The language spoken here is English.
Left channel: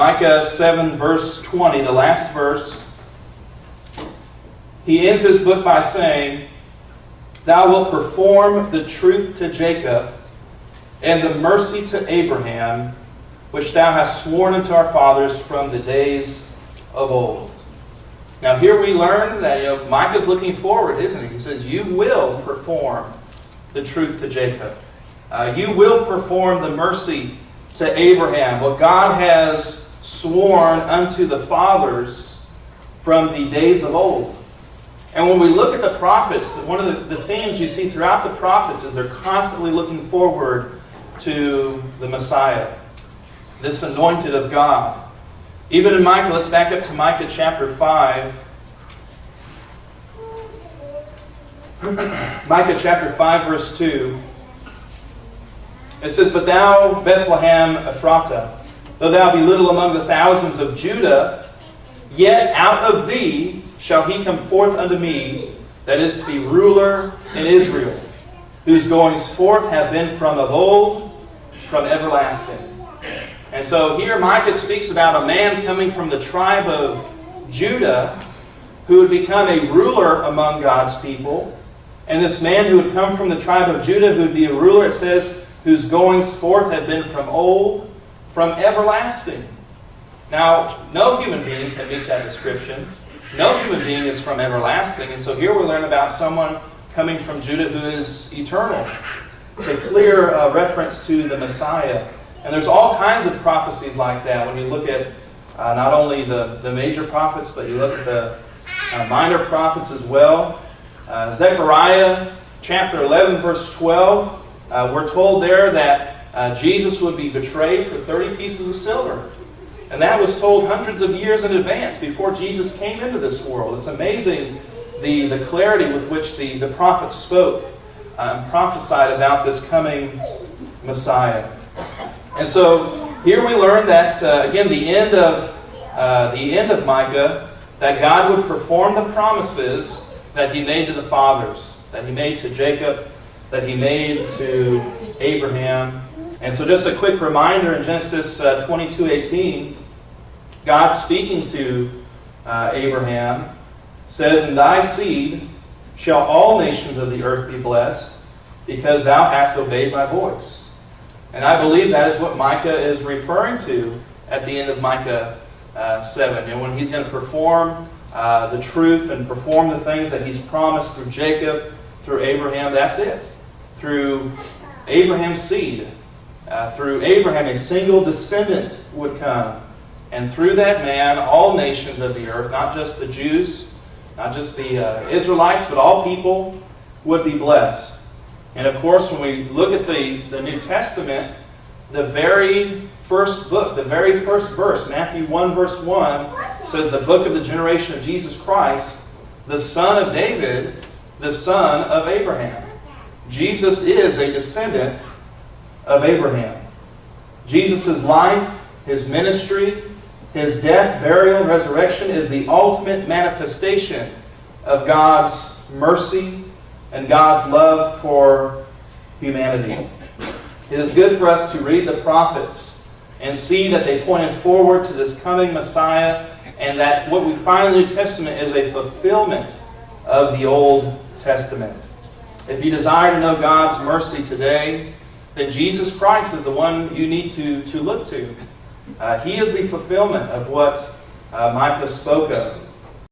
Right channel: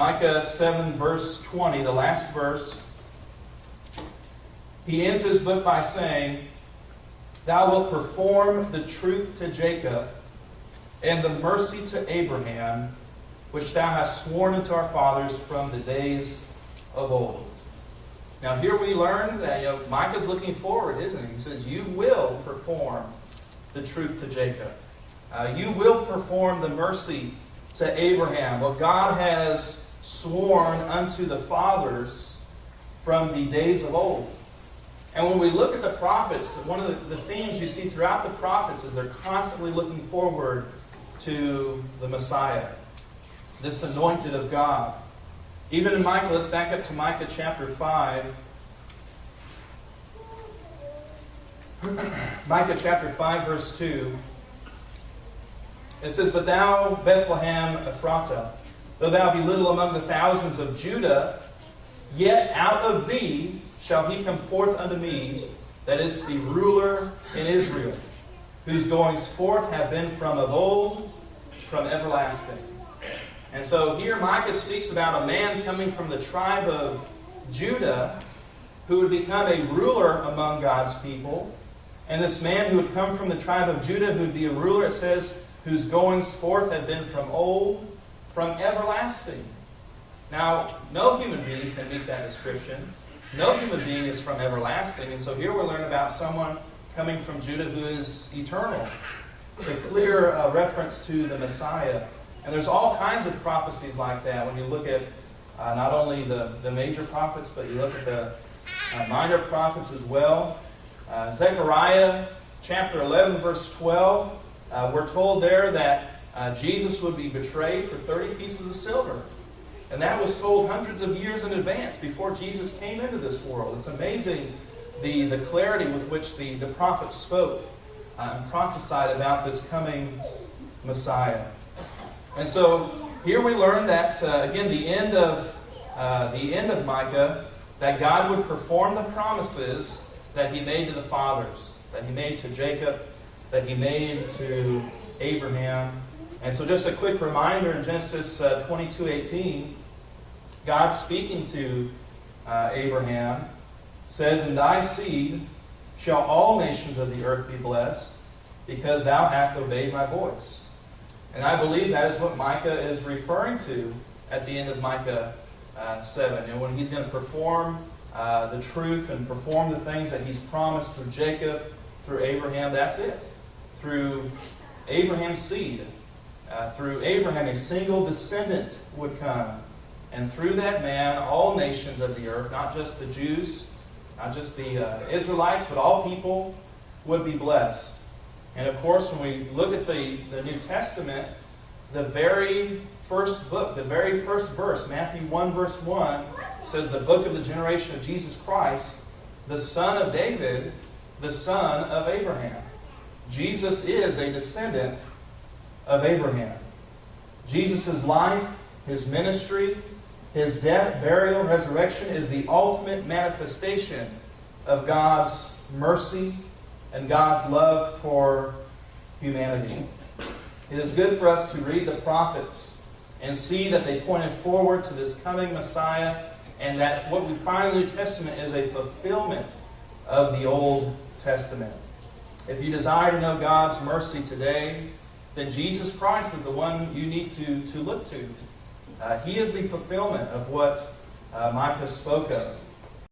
Micah 7 verse 20, the last verse, he ends his book by saying, "Thou wilt perform the truth to Jacob and the mercy to Abraham, which thou hast sworn unto our fathers from the days of old." Now here we learn that Micah's looking forward, isn't he? He says, you will perform the truth to Jacob. You will perform the mercy to Abraham, what God has sworn unto the fathers from the days of old. And when we look at the prophets, one of the themes you see throughout the prophets is they're constantly looking forward to the Messiah, this anointed of God. Even in Micah, let's back up to Micah chapter 5. Micah chapter 5 verse 2. It says, "But thou, Bethlehem Ephratah, though thou be little among the thousands of Judah, yet out of thee shall he come forth unto me, that is to be ruler in Israel, whose goings forth have been from of old, from everlasting." And so here Micah speaks about a man coming from the tribe of Judah who would become a ruler among God's people. And this man who would come from the tribe of Judah, who would be a ruler, it says, whose goings forth have been from old, from everlasting. Now, no human being can meet that description. No human being is from everlasting. And so here we learn about someone coming from Judah who is eternal. It's a clear reference to the Messiah. And there's all kinds of prophecies like that when you look at not only the major prophets, but you look at the minor prophets as well. Zechariah chapter 11 verse 12, we're told there that Jesus would be betrayed for 30 pieces of silver. And that was told hundreds of years in advance before Jesus came into this world. It's amazing the clarity with which the prophets spoke and prophesied about this coming Messiah. And so here we learn that, again, the end of Micah, that God would perform the promises that he made to the fathers, that he made to Jacob, that he made to Abraham. And so just a quick reminder, in Genesis 22:18, God speaking to Abraham says, "In thy seed shall all nations of the earth be blessed, because thou hast obeyed my voice." And I believe that is what Micah is referring to at the end of Micah 7. And when he's going to perform the truth and perform the things that he's promised through Jacob, through Abraham, that's it. Through Abraham's seed, through Abraham, a single descendant would come. And through that man, all nations of the earth, not just the Jews, not just the Israelites, but all people would be blessed. And of course, when we look at the New Testament, the very first book, the very first verse, Matthew 1 verse 1, says the book of the generation of Jesus Christ, the son of David, the son of Abraham. Jesus is a descendant of Abraham. Jesus' life, his ministry, his death, burial, and resurrection is the ultimate manifestation of God's mercy and God's love for humanity. It is good for us to read the prophets and see that they pointed forward to this coming Messiah, and that what we find in the New Testament is a fulfillment of the Old Testament. If you desire to know God's mercy today, then Jesus Christ is the one you need to look to. He is the fulfillment of what Micah spoke of.